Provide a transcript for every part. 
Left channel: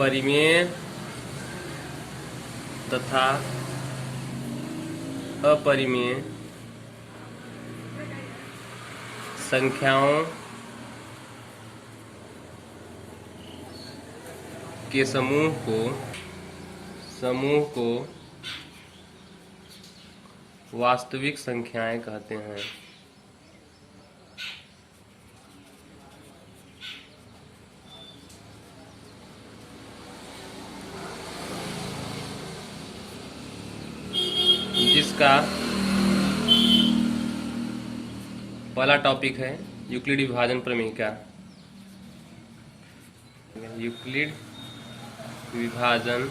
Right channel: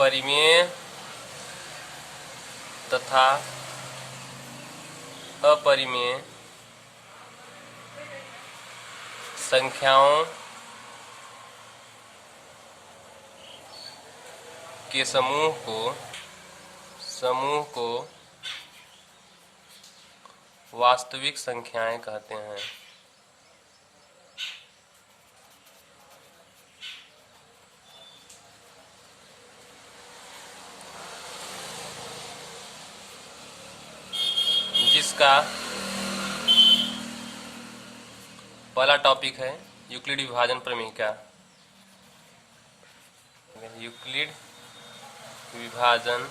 परिमेय तथा अपरिमेय संख्याओं के समूह को वास्तविक संख्याएं कहते हैं। जिसका पहला टॉपिक है यूक्लिड विभाजन प्रमेय का। यूक्लिड विभाजन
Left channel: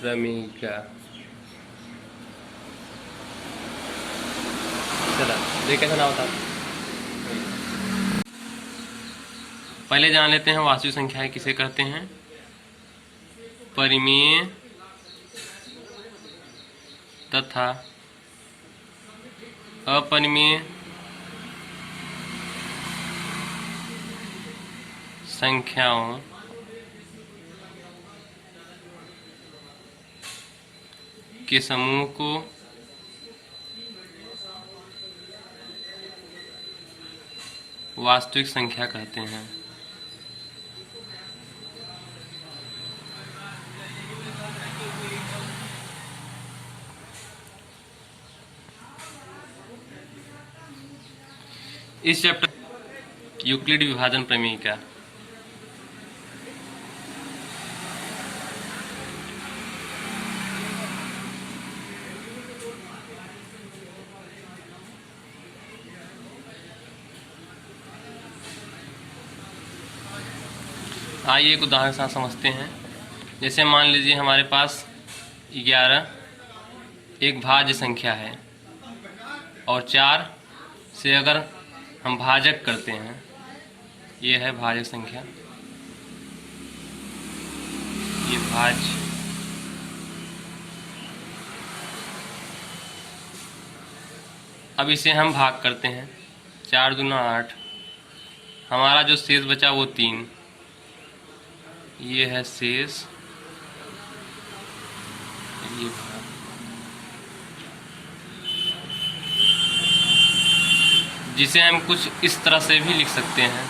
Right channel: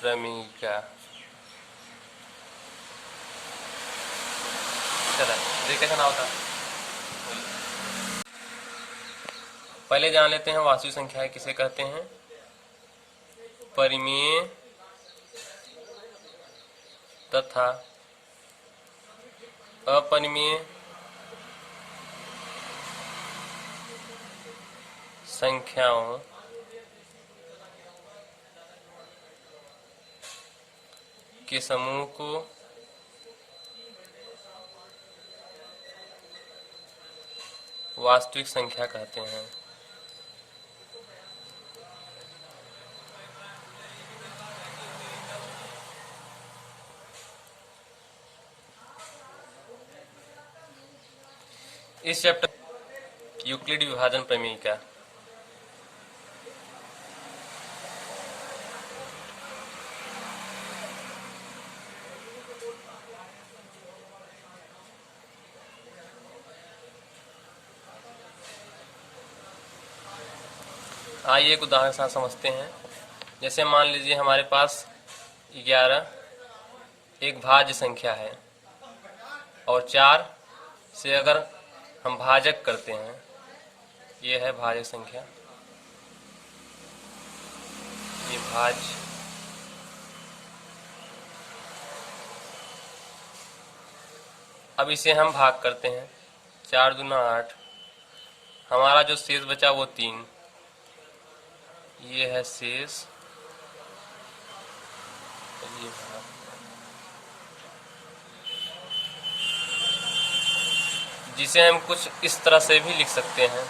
प्रमेय का। चला ये कैसा ना होता है, पहले जान लेते हैं वास्तविक संख्याएं किसे कहते हैं। परिमेय तथा अपरिमेय संख्याओं के समूह को वास्तविक संख्या कहते हैं। इस चैप्टर यूक्लिड विभाजन प्रमेय का। आइए एक उदाहरण से समझते हैं। जैसे मान लीजिए हमारे पास 11 एक भाज्य संख्या है और 4 से अगर हम भाजक करते हैं, ये है भाज्य संख्या, ये भाज्य। अब इसे हम भाग करते हैं, 4 दूना 8, हमारा जो शेष बचा वो 3, ये है शेष, ये भाग। जिसे हम कुछ इस तरह से भी लिख सकते हैं।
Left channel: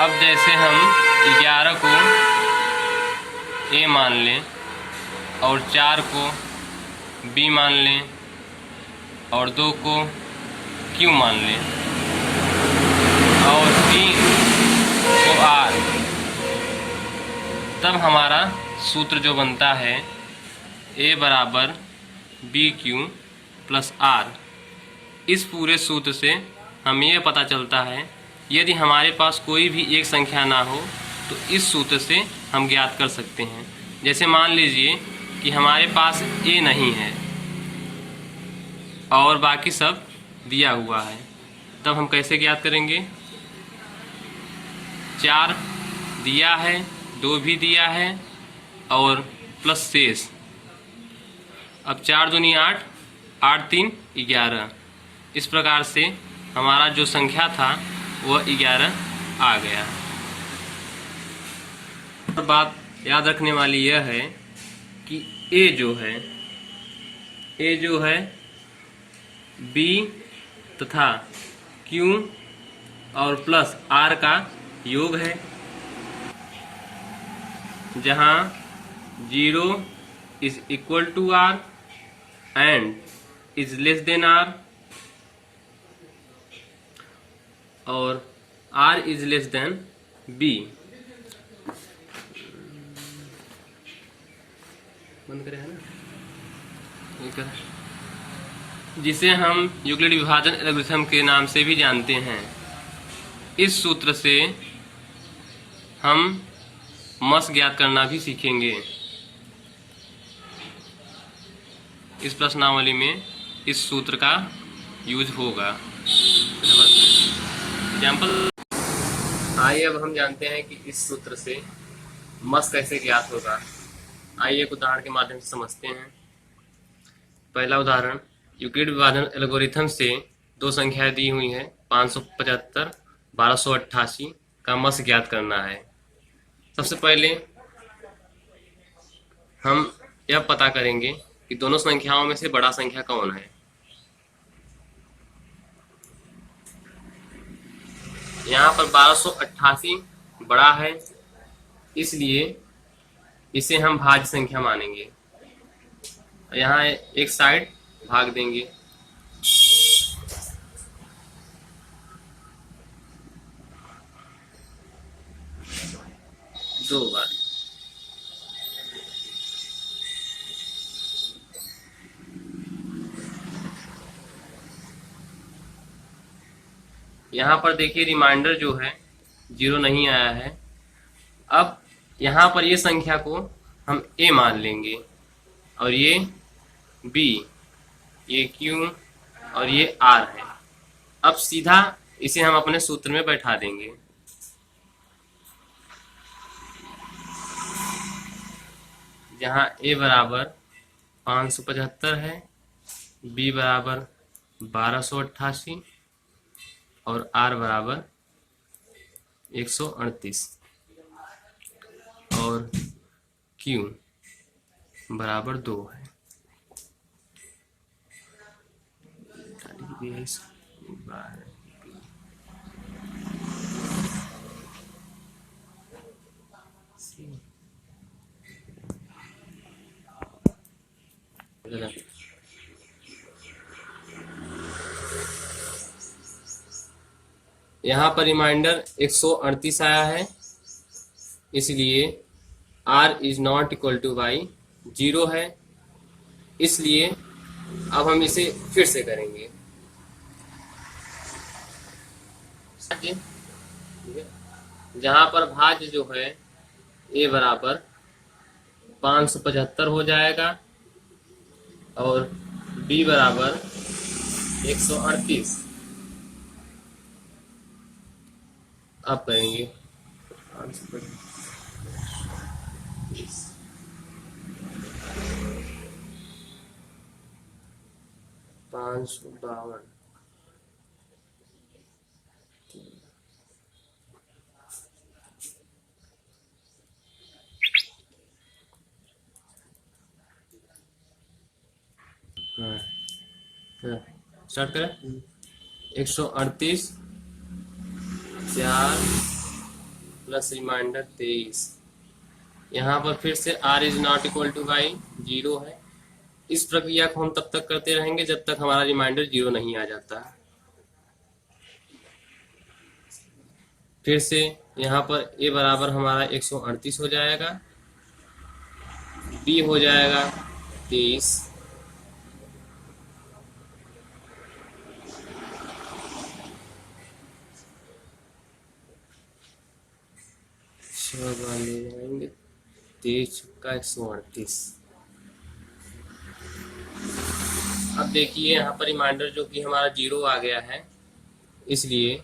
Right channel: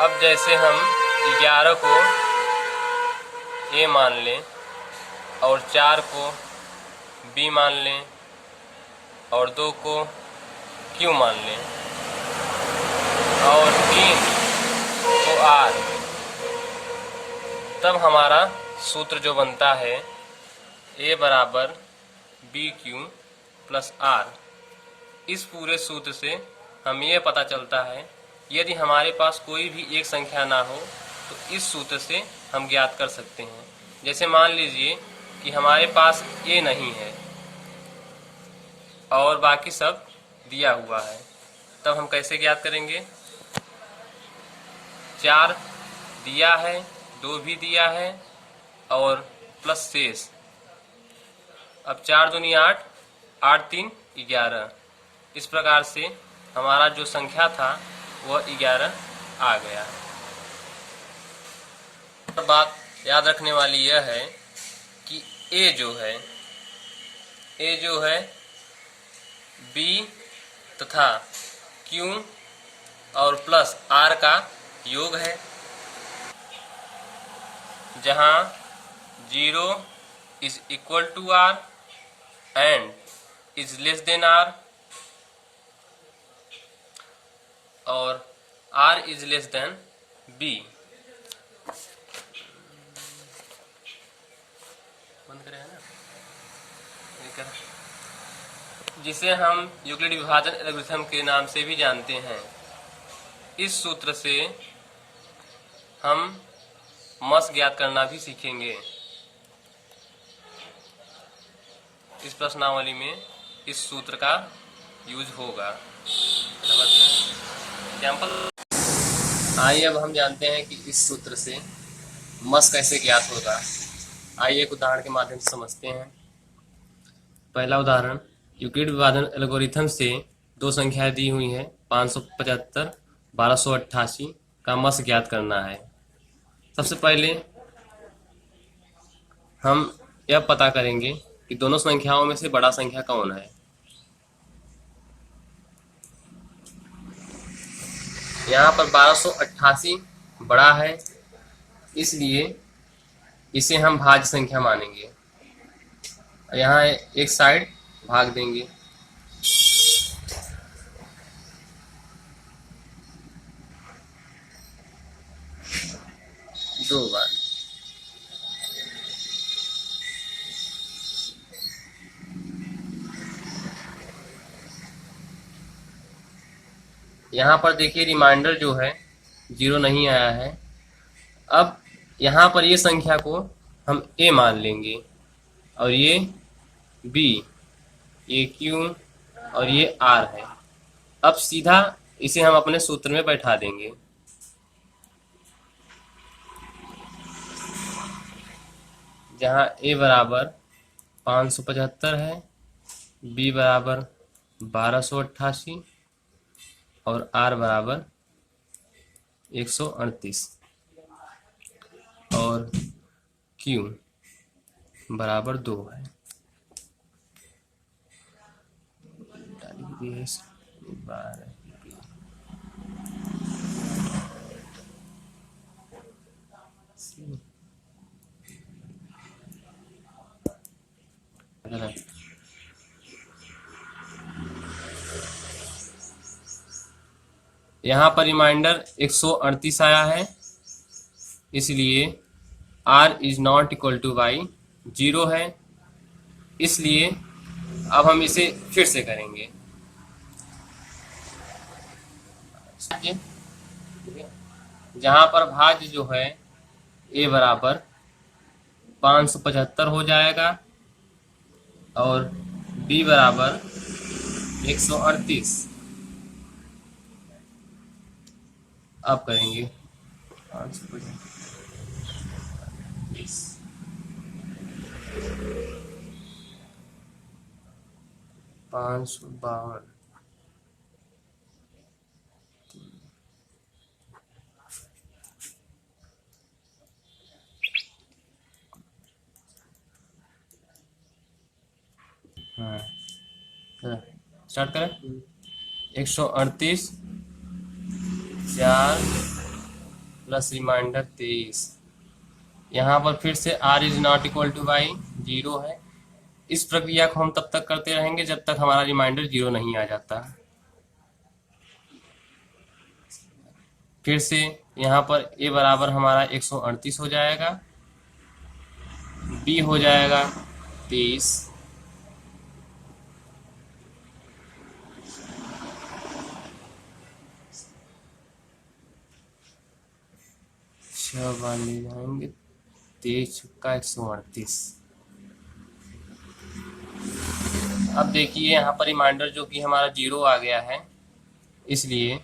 अब जैसे हम 11 को ए मान लें और 4 को बी मान लें और 2 को क्यू मान लें और 3 को आर, तब हमारा सूत्र जो बनता है A बराबर बी क्यू प्लस आर। इस पूरे सूत्र से हमें ये पता चलता है यदि हमारे पास कोई भी एक संख्या ना हो तो इस सूत्र से हम ज्ञात कर सकते हैं। जैसे मान लीजिए कि हमारे पास A नहीं है और बाकी सब दिया हुआ है, तब हम कैसे ज्ञात करेंगे। 4 दिया है, 2 भी दिया है और प्लस शेष। अब 4 दूनी 8, 8 3 11। इस प्रकार से हमारा जो संख्या था वह 11 आ गया। और बात याद रखने वाली यह है कि A जो है B तथा Q और प्लस R का योग है, जहाँ 0 is equal to R and is less than R और R is less than B। जिसे हम यूक्लिड विभाजन एल्गोरिथम के नाम से भी जानते हैं। इस सूत्र से हम मस ज्ञात करना भी सीखेंगे। इस प्रश्नावली में इस सूत्र का यूज होगा। एग्जाम्पल, आइए अब हम जानते हैं कि इस सूत्र से मस कैसे ज्ञात होगा। आइए एक उदाहरण के माध्यम से समझते हैं। पहला उदाहरण, यूक्लिड विभाजन एल्गोरिथम से दो संख्याएं दी हुई हैं 575 1288 का मस ज्ञात करना है। सबसे पहले हम यह पता करेंगे कि दोनों संख्याओं में से बड़ा संख्या कौन है। यहाँ पर 1288 बड़ा है, इसलिए इसे हम भाज्य संख्या मानेंगे। यहाँ एक साइड भाग देंगे। दो बार। यहाँ पर देखिए रिमाइंडर जो है 0 नहीं आया है। अब यहाँ पर ये संख्या को हम a मान लेंगे और ये b, ये q और ये r है। अब सीधा इसे हम अपने सूत्र में बैठा देंगे। जहाँ a बराबर 575 है, b बराबर 1288 और r बराबर 138 और q बराबर 2 है। यहाँ पर रिमाइंडर 138 आया है, इसलिए r is not equal to y 0 है। इसलिए अब हम इसे फिर से करेंगे। जहाँ पर भाज्य जो है a बराबर 575 हो जाएगा और b बराबर 138। अब करेंगे 552। स्टार्ट करें। 138 4 प्लस रिमाइंडर 23। यहाँ पर फिर से r is not equal to y 0 है। इस प्रक्रिया को हम तब तक करते रहेंगे जब तक हमारा रिमाइंडर 0 नहीं आ जाता। फिर से यहाँ पर a बराबर हमारा 138 हो जाएगा, b हो जाएगा 23, ले जाएंगे 23 का 138। अब देखिए यहाँ पर रिमाइंडर जो कि हमारा 0 आ गया है, इसलिए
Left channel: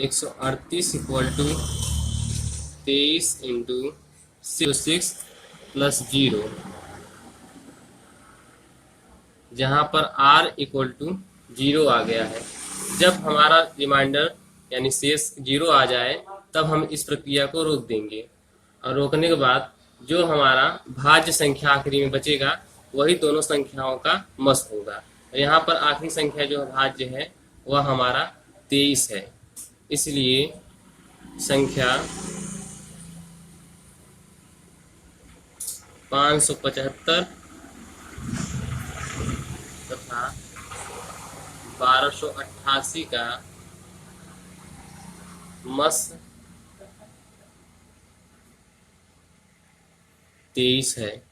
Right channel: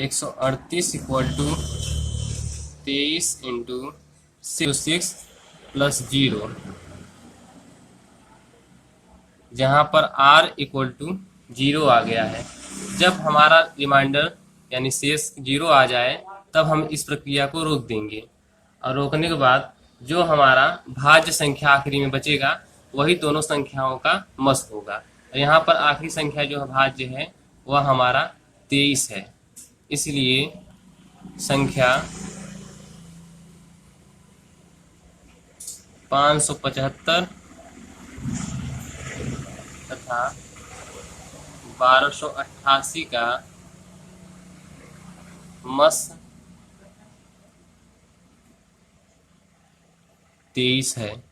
138 इक्वल टू 23 इंटू 6 प्लस 0, जहाँ पर r इक्वल टू 0 आ गया है। जब हमारा रिमाइंडर यानी शेष 0 आ जाए तब हम इस प्रक्रिया को रोक देंगे और रोकने के बाद जो हमारा भाज्य संख्या आखिरी में बचेगा वही दोनों संख्याओं का मस होगा। यहाँ पर आखिरी संख्या जो भाज्य है वह हमारा 23 है, इसलिए संख्या 575 तथा 1288 का मस 23 है।